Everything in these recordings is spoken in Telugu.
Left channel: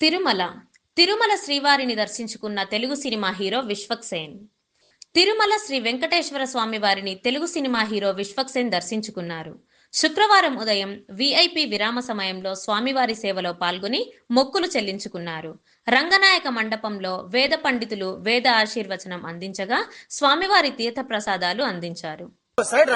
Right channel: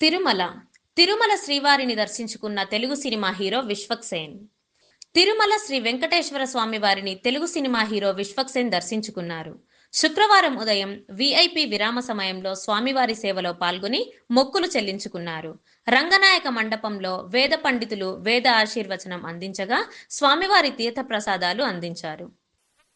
తిరుమల. తిరుమల శ్రీవారిని దర్శించుకున్న తెలుగు సినిమా హీరో విశ్వక్సేన్ తిరుమల శ్రీ వెంకటేశ్వర స్వామి వారిని తెలుగు సినిమా హీరో విశ్వక్సేన్ దర్శించుకున్నారు. శుక్రవారం ఉదయం విఐపి విరామ సమయంలో స్వామివారి సేవలో పాల్గొని మొక్కులు చెల్లించుకున్నారు. రంగనాయక మండపంలో వేద పండితులు వేద ఆశీర్వచనం అందించగా స్వామివారి తీర్థ ప్రసాదాలు అందించారు. సైడ్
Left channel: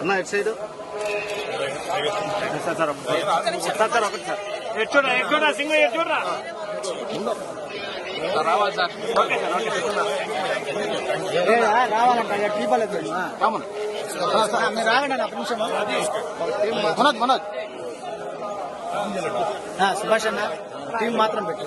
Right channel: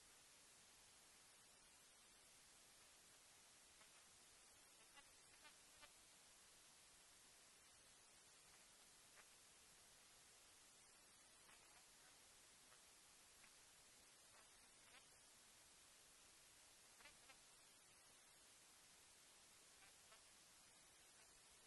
అన్న ఇటు side. Sir sir sir sir ఒకటి సార్. ఎటు చూడరా ఎటు చూడరా సింగ్ ఎటు చూడరా రావాలి సార్ ఓకే సార్ ఓకే రావాలంట టీపలేదు కామన్ మీరు రాగండి ఒక నిమిషం మనోజ్ మనోజ్. ఆ, సుభాష్ అన్న టీం మాత్రం పెట్టు.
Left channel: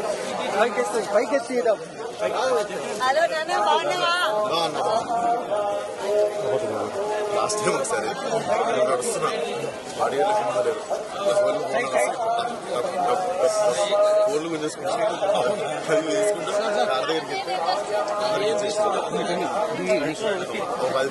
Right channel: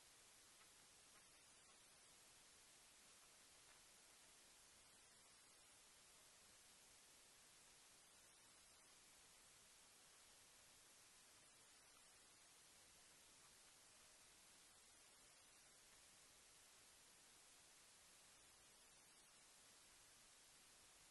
హలో నాన్న బాగున్నావా? లాస్ట్ టైం ఒకసారి. నేను నడుస్తున్నా బాడీ లేదు కోళ్ళు గుంజేసుకుంటా అది వేసుకుంటా దగ్గరికి వెళ్తే పది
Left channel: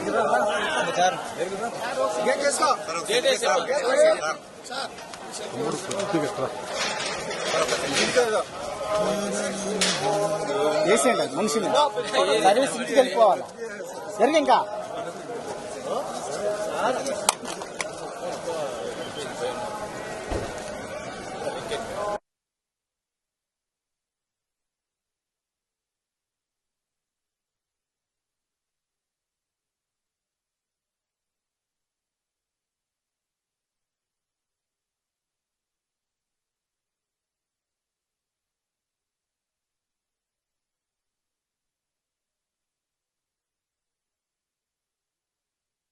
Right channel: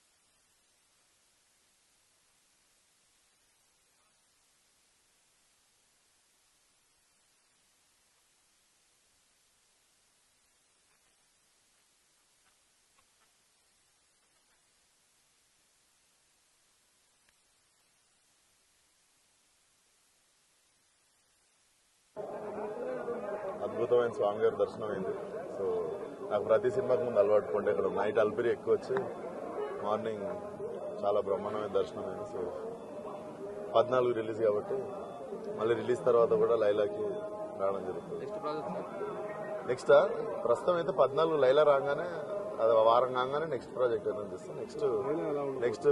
మీకోసం వేసేయండి మనిషిని సర్వీస్ ఇంటికి వెళ్ళిపోవాలి జరిగి ఇంకా అద్భుతమైన స్వామి గారి దర్శనం అయింది. సో నాకు ప్రతి సినిమాకి ముందు అలవాటు పండే ఇక్కడ నైట్ అల్పిరి ఎక్కువ వచ్చి మార్నింగ్ చాలా బ్రహ్మాండమైన దర్శనం అయింది సో పద్నాలుగు రిలీజ్ కాబట్టి మళ్ళీ రిలీజ్ తర్వాత కూడా లైలాకి రావడం జరుగుతుంది. నెక్స్ట్ ప్రస్తుతం అయితే పద్నాలుగు లైలా రాగానే అది వారం కాగానే నెక్స్ట్ ప్రాజెక్ట్ ఏదైనా చేస్తాం. నెక్స్ట్ నెక్స్ట్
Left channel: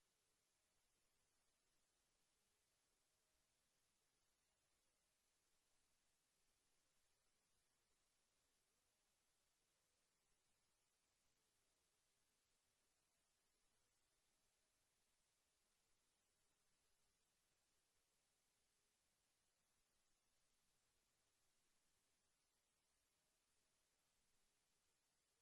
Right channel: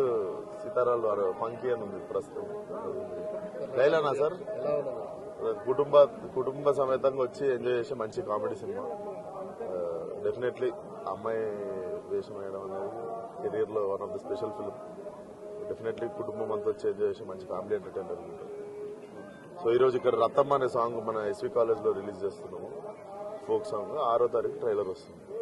సీతారాలు వారు ఫంకీ అని ఉంది ప్రస్తుతం. లైలానా సార్? కుటుంబ కుటుంబ సమేతంగా వచ్చి ఎంజాయ్ చేసే మంచి కామెడీ సినిమా డెఫినెట్లీ అమ్మాయి వేషం వేయడం అనేది కెరీర్లో one of the special film definitely కుటుంబం అంతా చేంజ్ చేసి మంచి ఫ్యామిలీ ఎంటర్టైనర్ ఉంటుంది సో ఈ రోజు ఇక్కడ రతమ్మ అనే సాంగ్ మన ఎస్వి కాలేజ్లో రిలీజ్ చేస్తున్నాము. ఫోక్ సాంగ్ ఆరో తారీఖు ట్రైలర్ వస్తుంది.